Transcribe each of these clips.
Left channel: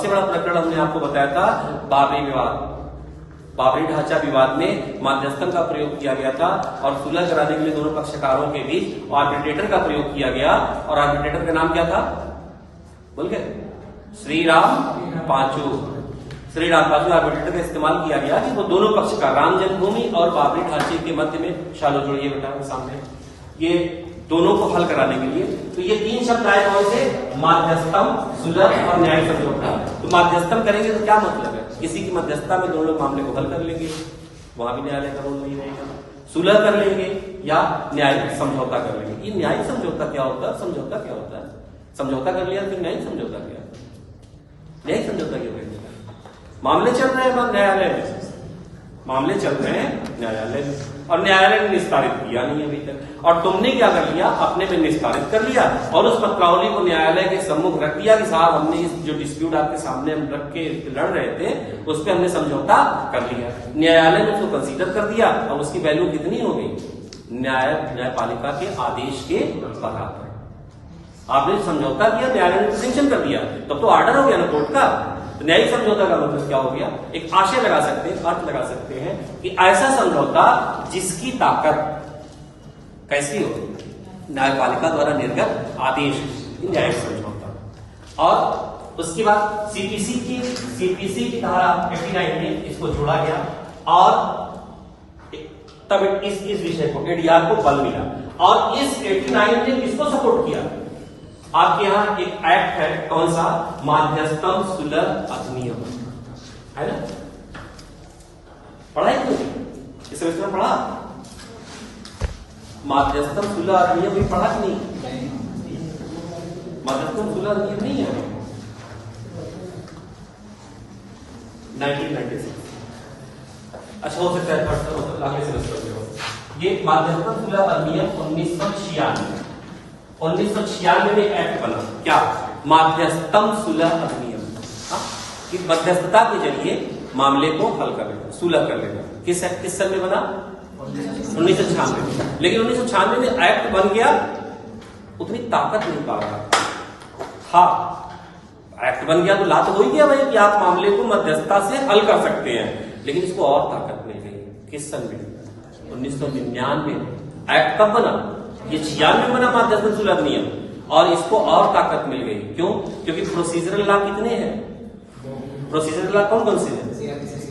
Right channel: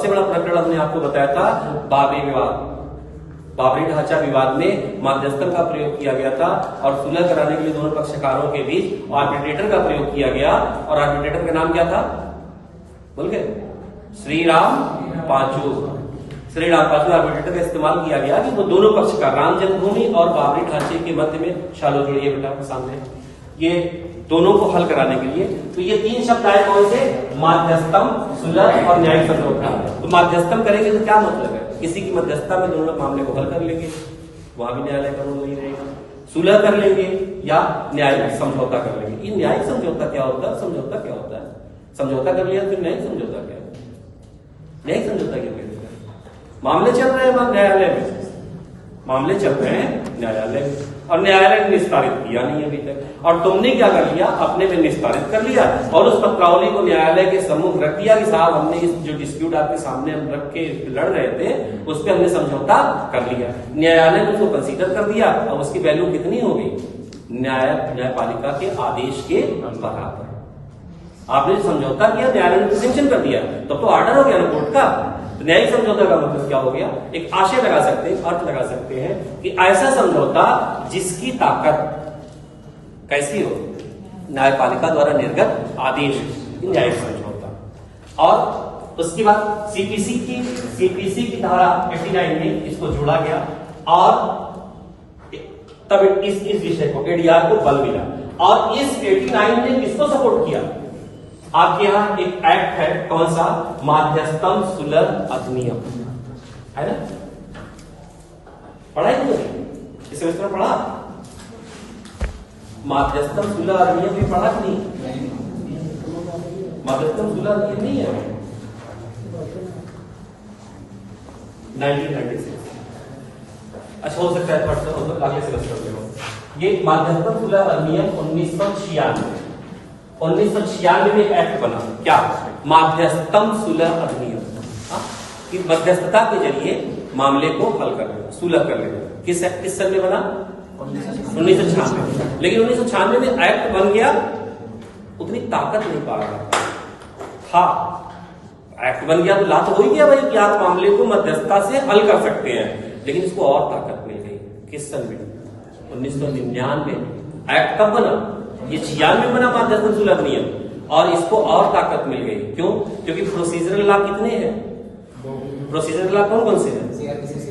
सबसे बड़ा प्रकरण हमने आपको बताया था बाबरी विवाद। बाबरी ढांचा विवाद में मध्यस्थन का प्रयोग किया गया था और सुलह कराने के लिए दोनों पक्षकारों के बीच आर्बिट्रेटर का प्रयोग किया गया। और आर्बिट्रेटर का नाम क्या था? बोल गए? श्री राम पांचू। श्री राम पांचू आर्बिट्रेटर का इस्तेमाल किया गया कि वो दोनों पक्षकार राम जन्मभूमि और बाबरी ढांचे के मध्य में, शालो जोड़िए बेटा सामने, ये दोनों को हल कराने के लिए। तो ये तीन शब्द आए कौन से? माध्यस्थम, सुलह और न्यायिक समझौता। तो माध्यस्थम करेंगे तो क्या मतलब है? किसी की मध्यस्थता में दोनों लोग मामले को हल कर लेंगे, वहां भी न्यायालय का रोल नहीं रहेगा। सुलह कर लेंगे या न्यायिक समझौता कर लेंगे। ये न्यायिक समझौता क्या होता है? समझौता क्या होता है? समझौता कर लिया फिर न्यायिक समझौता क्या है? न्यायिक समझौता क्या करेगा? मामले चल रहे हैं न्यायालय में, मामले चल रहे हैं न्यायालय में और न्यायालय ने निस्तारित किया नहीं अभी तक। और तुमने क्या कर लिया? अपने में निस्तारित कर लिया और उस पत्रावली को न्यायालय के सम्मुख रख दिया कि साहब हमने इस जो डिस्प्यूट आपके सामने हम रख के लड़ रहे थे उस पर हमने समझौता कर लिया। न्यायालय ने उसको कंसीडर कर दिया और उसकी वैल्यू कितनी हो गई? न्यायपालिका के आदेश के बराबर। आपने समझौता किया, न्यायालय ने सैंक्शन कर दिया, तब तो ऑर्डर हो गया ना कोर्ट का। न्यायिक समझौता का मतलब क्या हो गया? एक आशय लगा सकते हैं, अर्थ लगा सकते हैं कि ऐसा समझौता जिसकी ताकत कैसी हो? न्यायपालिका द्वारा निर्गत आदेश, न्यायिक समझौता। और उसके बाद सीपीसी की धारा 89 में इसको जोड़ा गया और तब इस विषय को, एडीआर को बल मिला। और इस 89 ने किसको सपोर्ट किया? आपके यहां एक एक्ट है, कौन सा? माध्यस्थम सुलह अधिनियम, है ना? पढ़ा है इस सेमेस्टर में? पढ़ा माध्यस्थम सुलह अधिनियम भी पढ़ा कि नहीं? माध्यस्थम सुलह अधिनियम नहीं है 1996। अच्छा, हो सकता है फर्स्ट हो तो अगले सेमेस्टर में हो। ये माध्यस्थम सुलह अधिनियम 1996 में एक एक्ट बना। क्या? माध्यस्थम सुलह अधिनियम। कि मध्यस्थता के जरिए मामले को हल कर लेना, सुलह कर लेना। किस साल में बना? 1996। लेकिन 1996 में एक्ट बन गया, उतनी ताकत नहीं पा रहा था। हाँ, एक्ट बन गया तो ला तो हो ही गया भाई कि आप मामले को मध्यस्थता से हल कर सकते हैं, लेकिन इसको और ताकत मिल गई। किस साल में? 1999 में। एक्ट कब बना? ये 96 में बना माध्यस्थम सुलह अधिनियम, और इसको और ताकत मिल गई। क्यों? क्योंकि प्रोसीजरल लॉ कितने हैं? प्रोसीजरल लॉ कौन कौन से हैं?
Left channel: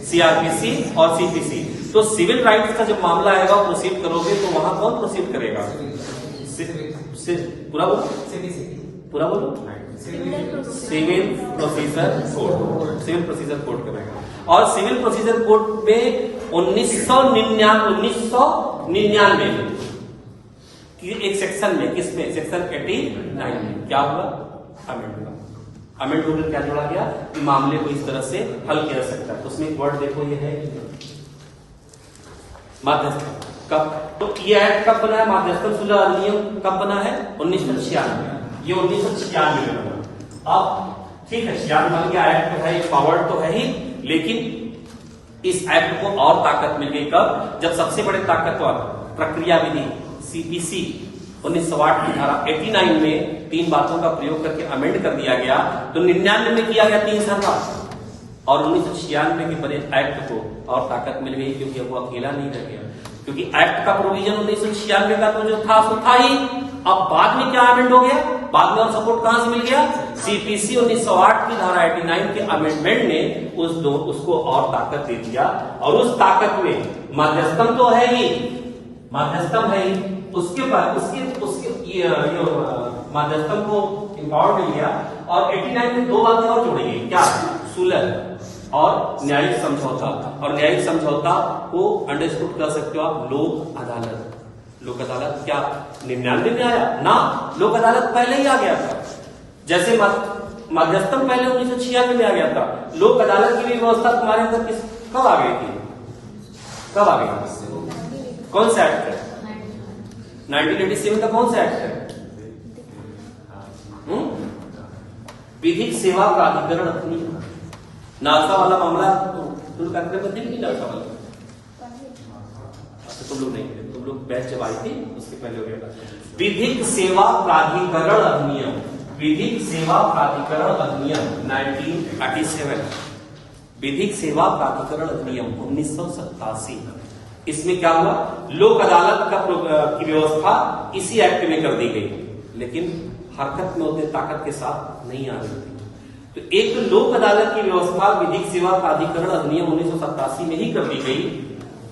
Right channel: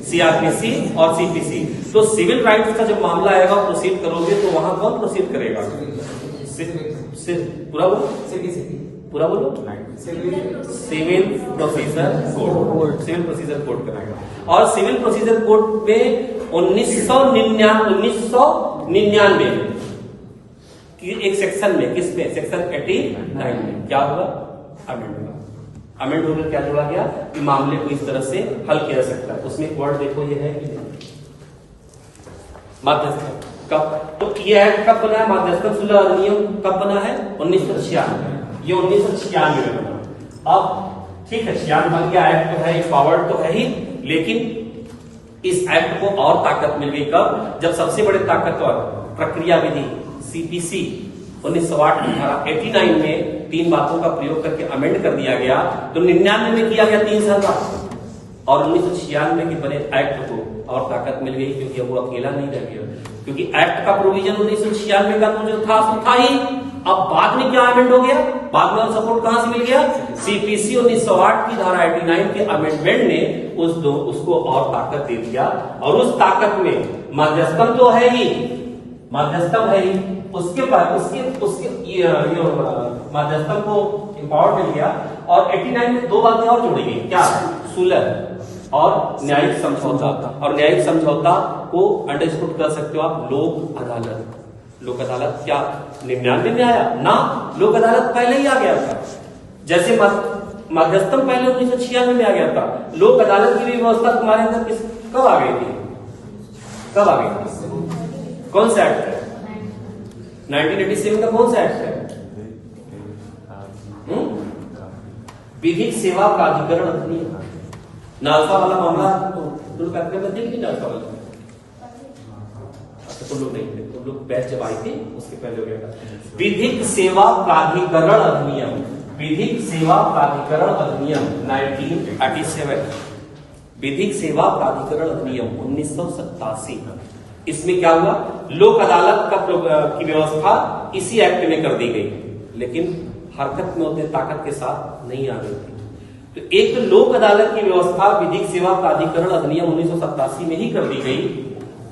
सीआरपीसी और सीपीसी। तो सिविल राइट्स का जब मामला आएगा, प्रोसीड करोगे तो वहां कौन प्रोसीड करेगा? पूरा बोलो, पूरा बोलो। Civil procedure code, civil procedure code करेगा। और सिविल प्रोसीजर कोड में 1999 में एक सेक्शन में, किसमें? सेक्शन 89 में क्या हुआ? अमेंड हुआ। अमेंड होकर क्या जोड़ा गया कि मामले को इस तरह से हल किया जा सकता है। उसमें एक वर्ड देखो, ये है माध्यस्थता। कब? तो ये एक्ट कब बना है? माध्यस्थम सुलह अधिनियम कब बना है? 1996। ये 1996 में बना। अब ठीक है, 96 बन गया, एक्ट तो है, एक पावर तो है ही, लेकिन इस एक्ट को और ताकत मिल गई। कब? जब सबसे बड़े ताकतवर प्रक्रिया विधि सीपीसी 1908 की धारा 89 में तीन बातों का प्रयोग करके अमेंड कर दिया गया। तो 99 में किया गया 3 साल का, और 1996 के बने एक्ट को और ताकत मिल गई, क्योंकि वो अकेला नहीं रह गया। क्योंकि एक्ट का प्रोविजन 1996 का तो जो था वो था ही। अब बाद में क्या अमेंड हो गया? बाद में और सपोर्ट कहां से मिल गया? सीपीसी 1908 की धारा 89 के अमेंडमेंट ने उसको और ताकत दे दिया। और उस ताकत में मध्यस्थम तो है ही, मध्यस्थम है ही, उसके बाद उसके मध्यस्थम को इम्पावर मिल गया। और 89 में 2 बातें और जोड़ी गई। क्या? सुलह और न्यायिक समझौता। और न्यायिक समझौता को अंडरस्टूड कर सकते हो आप लोक अदालत। लोक अदालत क्या 99 में आया ना? लोक अदालत पहले ही आ गया था। जैसे मध्यस्थम पहले 1996 में आ गया था, लोक अदालत की भी व्यवस्था तुम्हारे अंदर कब आ गई थी? कब आ गई थी? कौन सा एक्ट है? 1987 का कौन सा एक्ट है? विधिक सेवा प्राधिकरण अधिनियम। नालसा वाला मामला तुम कार्यक्रम में देखिए, नालसा वाला। अच्छा, तुम लोग नहीं थे, तुम लोग बैच जब आई थी उसके पहले हो गया। विधिक सेवा प्राधिकरण अधिनियम विधिक सेवा प्राधिकरण अधिनियम 1987, विधिक सेवा प्राधिकरण अधिनियम 1987। इसमें क्या हुआ, लोक अदालत की व्यवस्था इसी एक्ट में कर दी गई, लेकिन हरकत में उतने ताकत के साथ नहीं आ रही थी। तो एक तो लोक अदालत की व्यवस्था विधिक सेवा प्राधिकरण अधिनियम 1987 में ही कर दी गई,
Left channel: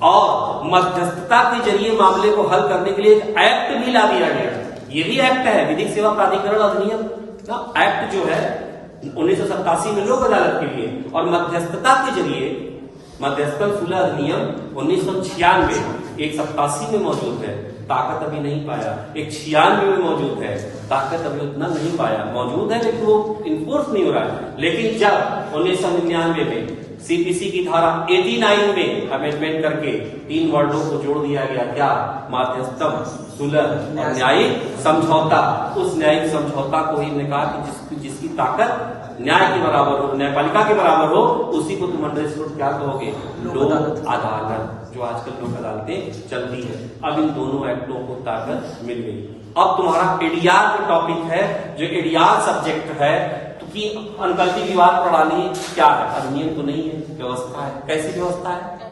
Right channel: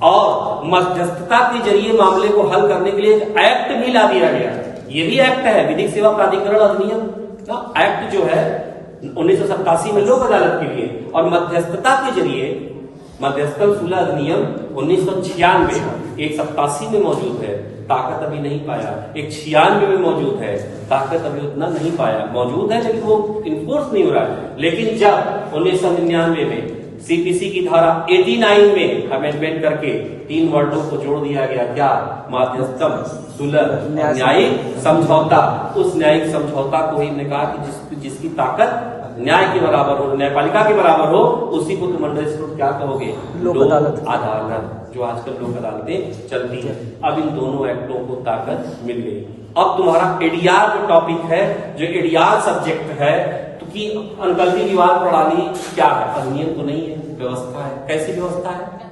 और मध्यस्थता के जरिए मामले को हल करने के लिए एक एक्ट भी ला दिया गया। ये भी एक्ट है, विधिक सेवा प्राधिकरण अधिनियम का एक्ट जो है 1987 में लोक अदालत के लिए, और मध्यस्थता के जरिए मध्यस्थल सुलह अधिनियम 1996, एक 87 में मौजूद है, ताकत अभी नहीं पाया, एक 96 में मौजूद है, ताकत अभी उतना नहीं पाया, मौजूद है लेकिन वो इन्फोर्स नहीं हो रहा है। लेकिन जब 1999 में सीपीसी की धारा 89 में अमेंडमेंट करके 3 वर्डों को जोड़ दिया गया, क्या, मध्यस्थम, सुलह और न्यायिक समझौता, उस न्यायिक समझौता को ही कहा कि जिसकी ताकत न्याय के बराबर हो, न्यायपालिका के बराबर हो, उसी को तुम अंडर स्टूट क्या कहोगे, लोक अदालत, जो आजकल लोक अदालतें चलती है। अब इन दोनों एक्टों को ताकत मिल गई। अब तुम्हारा एडीआर जो टॉपिक है, जो एडीआर सब्जेक्ट है, तो कि अनुकल्पी विवाद प्रणाली क्या है, अधिनियम तो नहीं है, व्यवस्था है। कैसी व्यवस्था है,